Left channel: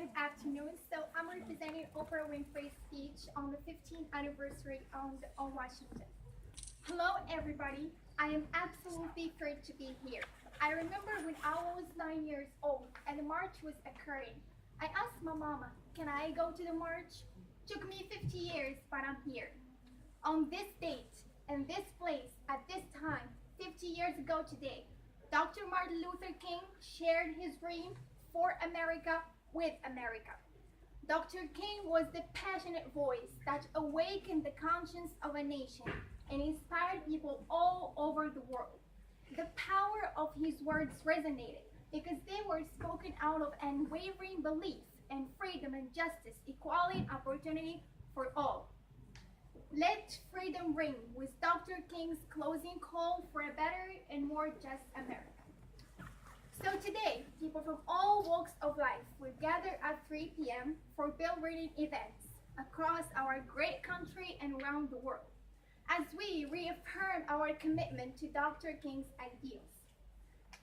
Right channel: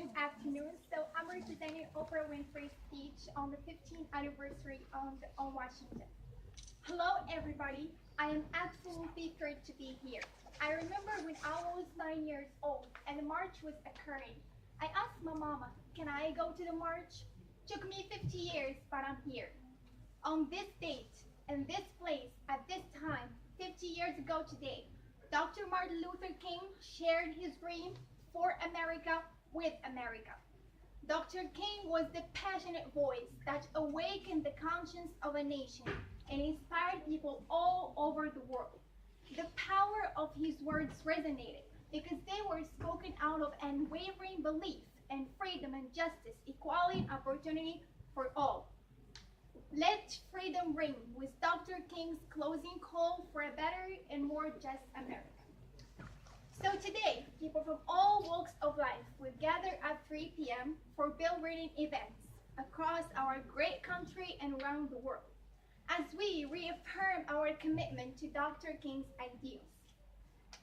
Good afternoon. So I'm representing Oprah Winfrey's speech on the 15th anniversary on Washington. Hello, everybody. I am absolutely thrilled to be here. I remember when I was 9 years old and the march was occurring. I asked my mama, can I go to the march? Took me 50 years, but I'm here. On this date, in this place, at this time, 50 years ago today, Dr. Martin Luther King shared his dream for America with America. Dr. King was the passionate voice that awakened the conscience of a nation and inspired people all over the world. The power of his words resonated because they were spoken out of unwavering belief in freedom and justice, equality, and opportunity for all. Let freedom ring was Dr. King's closing call for a better and more just America. So today, people from all walks of life will gather at 3 p.m. for bill reading events across our great country and around the world, as we reaffirm our commitment to Dr. King's ideals.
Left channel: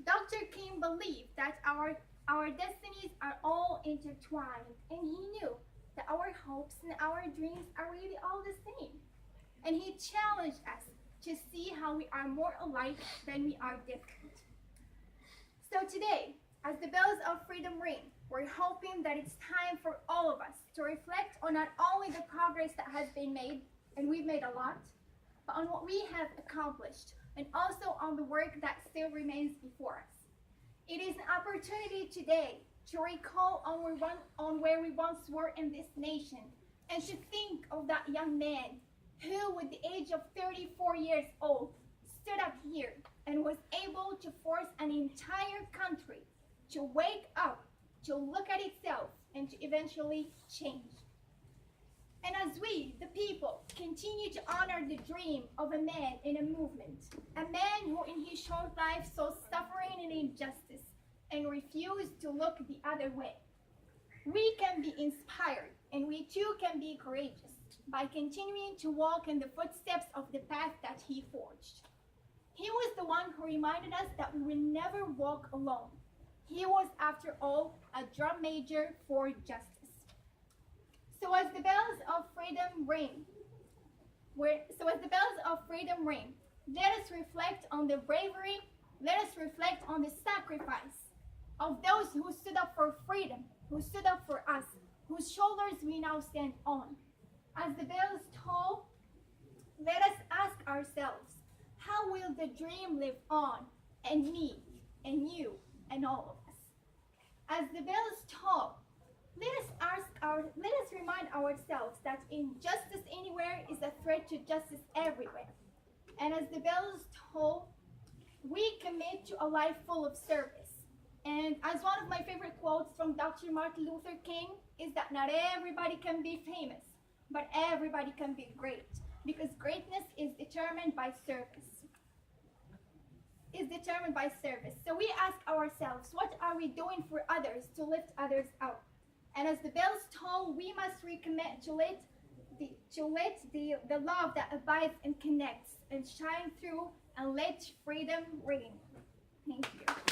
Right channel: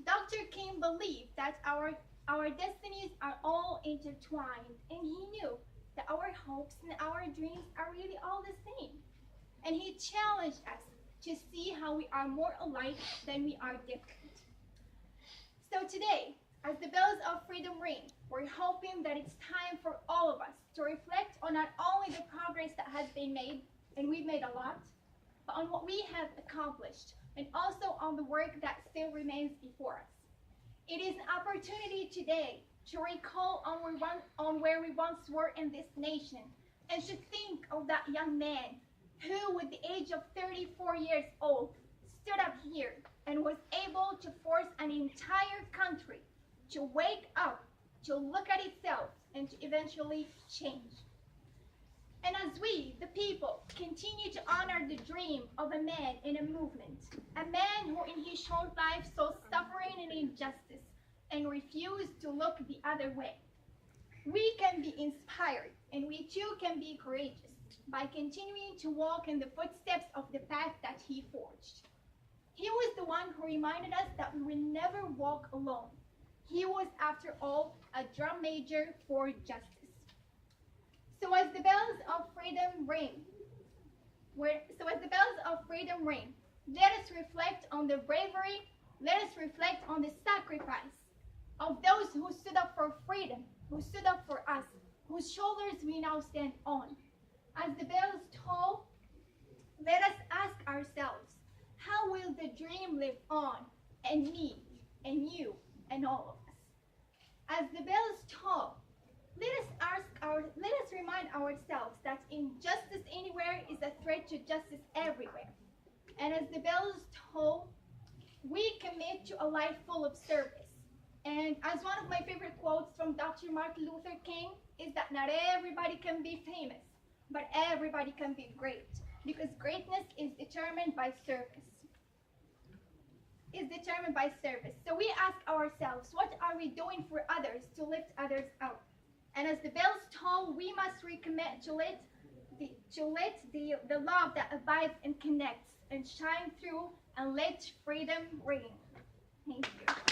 Dr. King believed that our destinies are all intertwined, and he knew that our hopes and our dreams are really all the same. And he challenged us to see how we are more alike than we are different. So today, as the bells of freedom ring, we're hoping that it's time for all of us to reflect on not only the progress that has been made, and we've made a lot, but on what we have accomplished, and also on the work that still remains before us. It is an opportunity today to recall on where we once were in this nation, and to think of that young man who, with the age of 34 years old, stood up here and was able to force an entire country to wake up, to look at itself, and to eventually change. And as we, the people, continue to honor the dream of a man in a movement, a man who in his short life saw suffering and injustice and refused to look the other way, we can be inspired, and we too can be courageous by continuing to walk in the footsteps of the path that he forged. He was the one who reminded us that we will never walk alone. He was, after all, a drum major for justice. So as the bells of freedom ring, let us reflect on the bravery, let us reflect on the sacrifice of those who stood up for freedom, who stood up for us, whose shoulders we now stand on. As the bells toll, let us ask ourselves, how will the dream live on in me, and you, and all of us? As the bells toll, let us remind ourselves that injustice anywhere is a threat to justice everywhere. And as the bells toll, we commit to a life full of service. And as one of my favorite quotes from Dr. Martin Luther King is that not everybody can be famous, but everybody can be great, because greatness is determined by service. So we ask ourselves, what are we doing for others to lift others up? And as the bells toll, we must recommit to let the love that abides and connects and shine through, and let freedom ring. Thank you.